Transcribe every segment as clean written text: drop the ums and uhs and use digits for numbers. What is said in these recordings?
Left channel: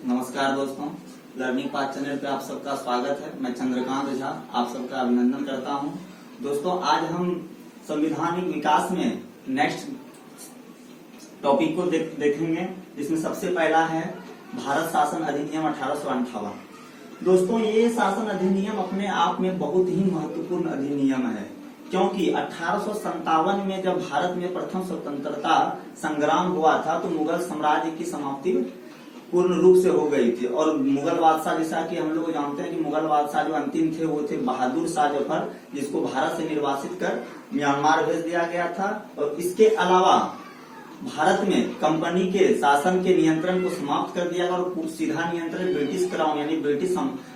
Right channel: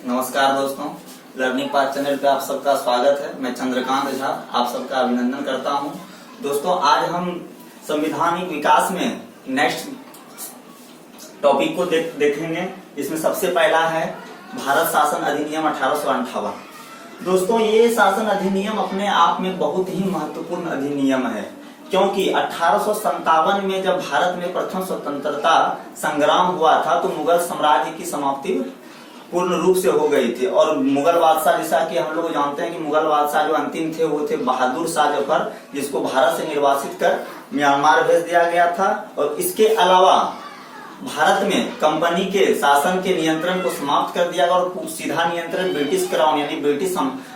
नमस्कार दोस्तों, learning path channel पे आप सबका स्वागत है। मैं चंद्रकांत झा आप सबका अभिनंदन करता हूं। दोस्तों, आज हम संवैधानिक विकास में नेक्स्ट टॉपिक को देखेंगे। इसमें सबसे पहला है भारत शासन अधिनियम 1858। दोस्तों, ये शासन अधिनियम अपने आप में बहुत ही महत्वपूर्ण अधिनियम है, क्योंकि 1857 में जब भारत में प्रथम स्वतंत्रता संग्राम हुआ था तो मुगल साम्राज्य की समाप्ति पूर्ण रूप से हो गई थी। और मुगल बादशाह, जैसा कि हम लोग जानते हैं कि मुगल बादशाह जो अंतिम थे वो थे बहादुर शाह जफर, जिसको भारत से निर्वासित कर म्यांमार भेज दिया गया था। और इसके अलावा भारत में कंपनी के शासन के नियंत्रण को समाप्त कर दिया गया और सीधा नियंत्रण ब्रिटिश क्राउन यानी ब्रिटिश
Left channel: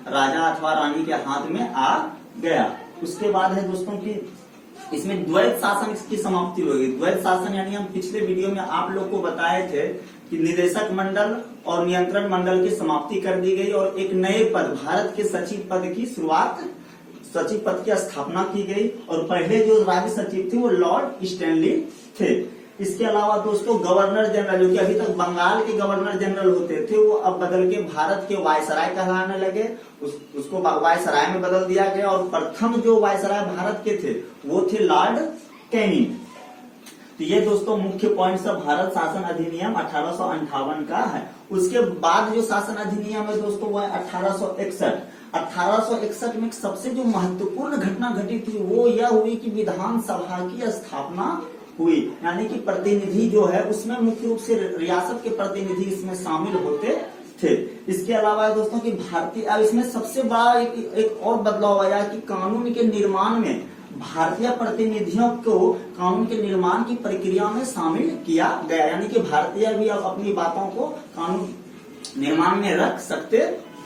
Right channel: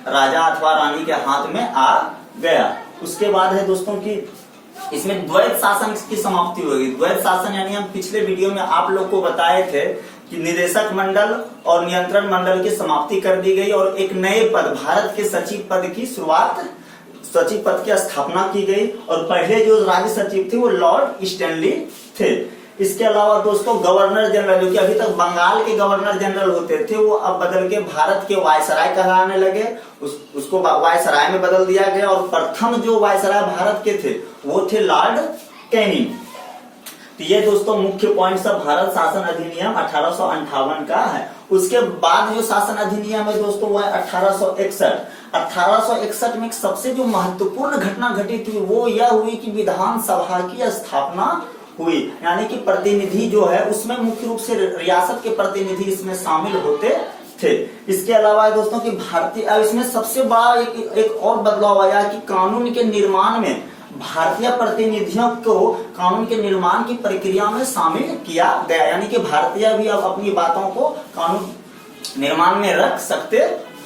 राजा अथवा रानी के हाथ में आ गया। उसके बाद है दोस्तों कि इसमें द्वैध शासन की समाप्ति होगी। द्वैध शासन यानी हम पिछले वीडियो में आप लोग को बताए थे कि निदेशक मंडल और नियंत्रण मंडल की समाप्ति कर दी गई और एक नए पद भारत के सचिव पद की सचिव पद की स्थापना की गई। और पहले जो राज्य सचिव थे वो लॉर्ड स्टैनली थे। इसके अलावा दोस्तों गवर्नर जनरल, जो कि अभी तक बंगाल के गवर्नर जनरल होते थे, वो अब बदल के भारत के वायसराय कहलाने लगे। उसको वायसराय में बदल दिया गया। और प्रथम जो वायसराय भारत के थे वो थे लॉर्ड कैनिंग। तो ये दोस्तों मुख्य पॉइंट सब भारत शासन अधिनियम 1858 का है। उसके बाद जो शासन अधिनियम है दोस्तों वो है 1861। 1861 में सबसे जो महत्वपूर्ण घटना घटी थी वो यह हुई कि विधानसभा की स्थापना हुई, यानी कि प्रतिनिधि जो है उसमें मुख्य रूप से रियासत के प्रतिनिधि इसमें शामिल होते थे। इसके अलावा दोस्तों कि भारतीय इसमें सबसे बड़ा एक और बदलाव आया कि कानून के निर्माण में भारतीय प्रतिनिधियों को कानून के निर्माण की प्रक्रिया में शामिल किया गया, यानी कि भारतीय भी अब अपनी बातों को कानून निर्माण में रख सकते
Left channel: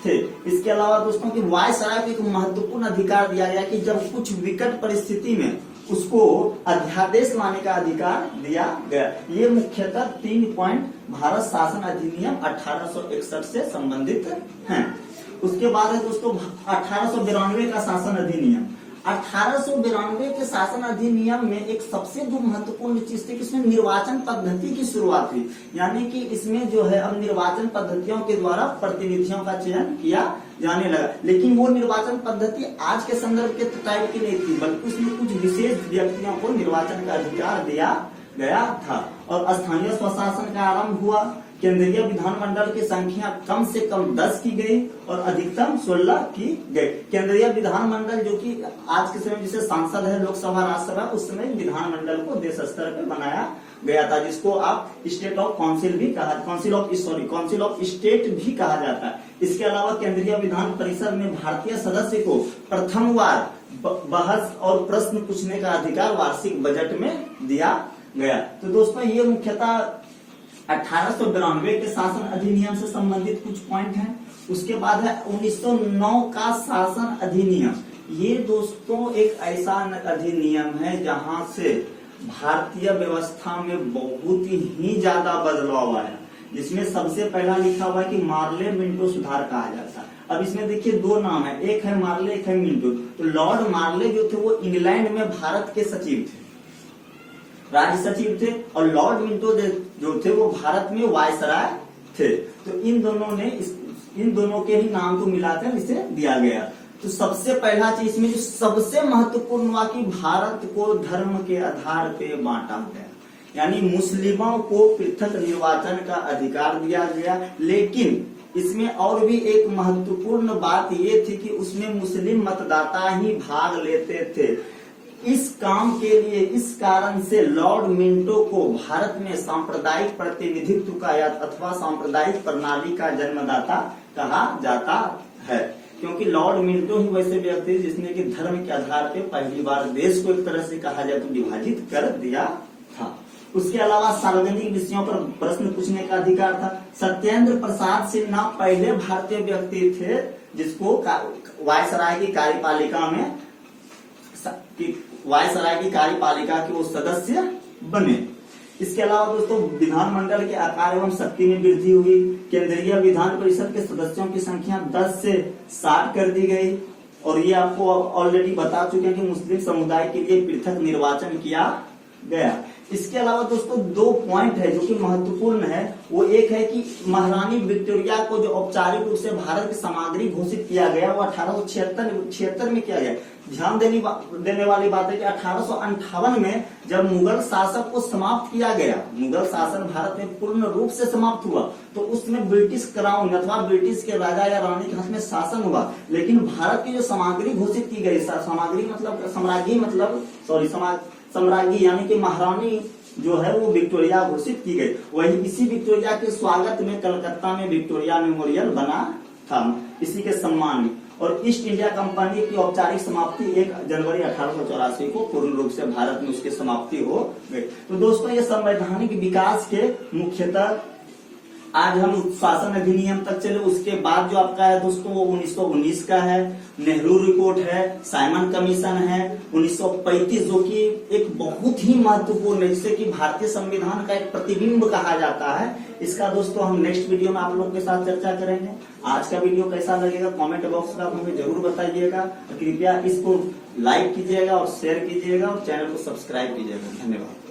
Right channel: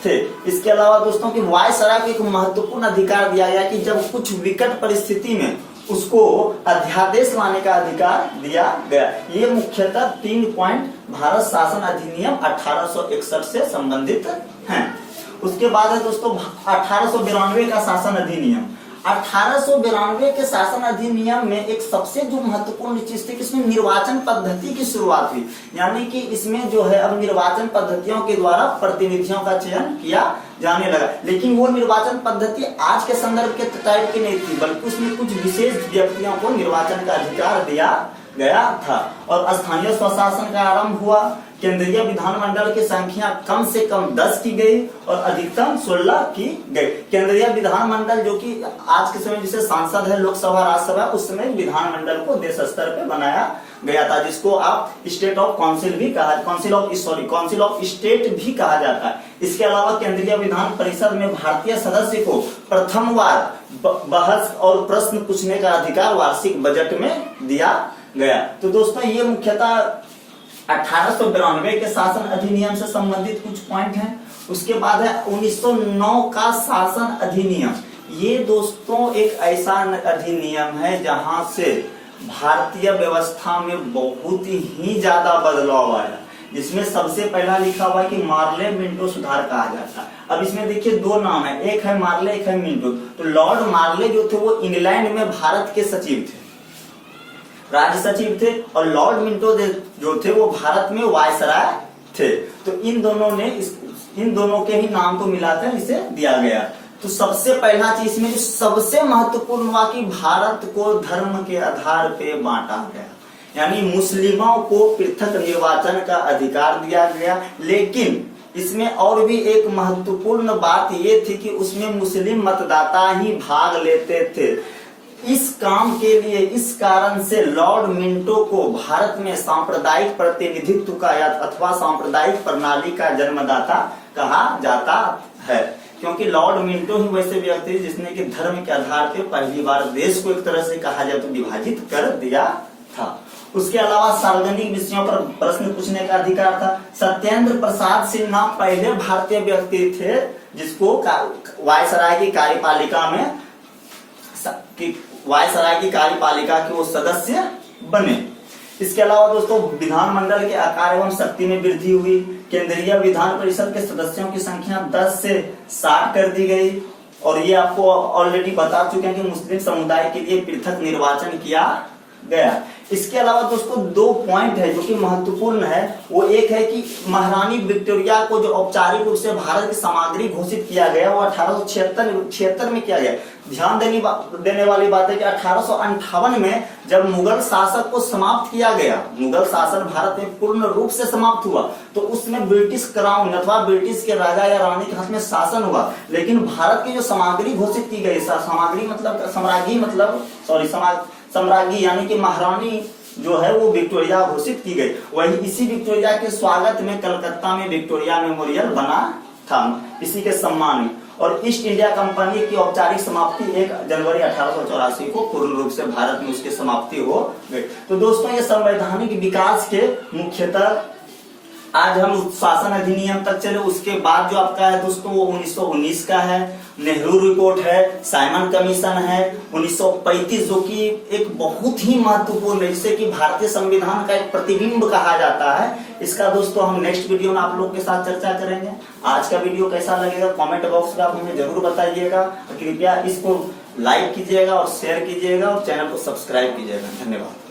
थे। इसके अलावा दोस्तों कि वायसराय को एक महत्वपूर्ण अधिकार दिया गया कि जब कुछ विकट परिस्थिति में उसको अध्यादेश लाने का अधिकार दिया गया। ये मुख्यतः 3 पॉइंट भारत शासन अधिनियम 1861 से संबंधित हैं। उसके बाद है दोस्तों 1892 का शासन अधिनियम। 1892 के शासन अधिनियम में एक सबसे जो महत्वपूर्ण चीज थी कि इसमें निर्वाचन पद्धति की शुरुआत हुई, यानी कि इसमें जो है अब निर्वाचन पद्धतियों के द्वारा प्रतिनिधियों का चयन किया जाने लगा। लेकिन वो निर्वाचन पद्धति आज के संदर्भ के टाइप की नहीं थी, बल्कि उसमें कुछ विशेष व्यक्तियों को निर्वाचन का अधिकार दिया गया था। और स्थानीय स्वशासन का आरंभ हुआ। केंद्रीय विधानमंडल की संख्या कम से कम 10 की गई और अधिकतम 16 की गई। केंद्रीय विधानमंडल जो कि आज के समय जिसे सांसद है लोकसभा राज्यसभा, उस समय विधानमंडल को देश स्तर पर बनाया गया था, जिसको आप स्टेट ऑफ काउंसिल भी कहा काउंसिल ऑफ स्टेट भी कहा जाता है। इसके अलावा केंद्रीय विधान परिषद में भारतीय सदस्य को प्रथमवार बहस और प्रश्न पूछने का अधिकार वार्षिक बजट में दिया गया। तो दोस्तों ये मुख्यतः 1892 के शासन अधिनियम से संबंधित कुछ पॉइंट हैं। उसके बाद है 1909 का शासन अधिनियम। ये दोस्तों एक ऐसा अधिनियम है जहां से भारतीय व्यवस्था में बहुत ही ज्यादा बदलाव आया, जिसमें सबसे पहला लिखा हुआ है कि मार्ले मिंटो सुधार कहा जाता है। अब इसमें देखिए 2 नाम है, एक है मार्ले एक है मिंटो। तो लॉर्ड मार्ले जो थे वो इंग्लैंड में भारत के सचिव थे, राज्य सचिव थे, और लॉर्ड मिंटो जो थे वो भारत में वायसराय थे। तो इन दोनों के ही नाम को मिलाकर इसे दिया गया। तो सबसे पहला चीज इसमें जो सबसे महत्वपूर्ण हुआ कि भारत को धर्म के आधार पे बांटा गया, यानी मुस्लिमों को पृथक निर्वाचन का अधिकार दिया गया। लेकिन इसमें और भी एक महत्वपूर्ण बात ये थी कि उसमें मुस्लिम मतदाता ही भाग लेते थे। इस काम के लिए इस कारण से लॉर्ड मिंटो को भारत में सांप्रदायिक प्रतिनिधित्व का अथवा सांप्रदायिक प्रणाली का जन्मदाता कहा जाता है, क्योंकि लॉर्ड मिंटो ही वैसे व्यक्ति थे जिसने कि धर्म के आधार पर पहली बार देश को एक तरह से कहा जाए तो विभाजित कर दिया था। उसके अलावा सार्वजनिक विषयों पर प्रश्न पूछने का अधिकार था। सत्येंद्र प्रसाद सिन्हा पहले भारतीय व्यक्ति थे जिसको वायसराय की कार्यपालिका के वो सदस्य बने। इसके अलावा दोस्तों विधानमंडल के आकार एवं शक्ति में वृद्धि हुई। केंद्रीय विधान परिषद के सदस्यों की संख्या 10 से 60 कर दी गई। और ये आपको ऑलरेडी बता चुके हैं कि मुस्लिम समुदाय के लिए पृथक निर्वाचन किया गया। इसके अलावा दोस्तों 2 पॉइंट है जो कि महत्वपूर्ण है। वो एक है कि महारानी विक्टोरिया को जो औपचारिक रूप से भारत की सामग्री घोषित किया गया वो 1876 में किया गया। ध्यान देने वाली बात है कि 1858 में जब मुगल शासक को समाप्त किया गया, मुगल शासन भारत में पूर्ण रूप से समाप्त हुआ, तो उसमें ब्रिटिश क्राउन अथवा ब्रिटिश के राजा या रानी के हाथ में शासन हुआ। लेकिन भारत की जो सामग्री घोषित की गई, सामग्री मतलब सम्राज्ञी यानी कि महारानी जो है वो विक्टोरिया घोषित की गई। वही इसी विक्टोरिया के स्वागत में कलकत्ता में विक्टोरिया मेमोरियल बना था, इसी के सम्मान में। और ईस्ट इंडिया कंपनी की औपचारिक समाप्ति 1 जनवरी 1884 को पूर्ण रूप से भारत में उसकी समाप्ति हो गई। तो दोस्तों ये संवैधानिक विकास के मुख्यतः आज हम शासन अधिनियम तक चले। उसके बाद जो आपका है दोस्तों वो 1919 का है, नेहरू रिपोर्ट है, साइमन कमीशन है 1935, जो कि एक बहुत ही महत्वपूर्ण है, जिसे कि भारतीय संविधान का एक प्रतिबिंब कहा जाता है। इसका दोस्तों हम नेक्स्ट वीडियो में आप लोग के साथ चर्चा करेंगे। आज का वीडियो कैसा लगेगा कमेंट बॉक्स में आप हमें जरूर बताइएगा। कृपया इसको लाइक कीजिएगा और शेयर कीजिएगा और चैनल को सब्सक्राइब कीजिएगा। धन्यवाद।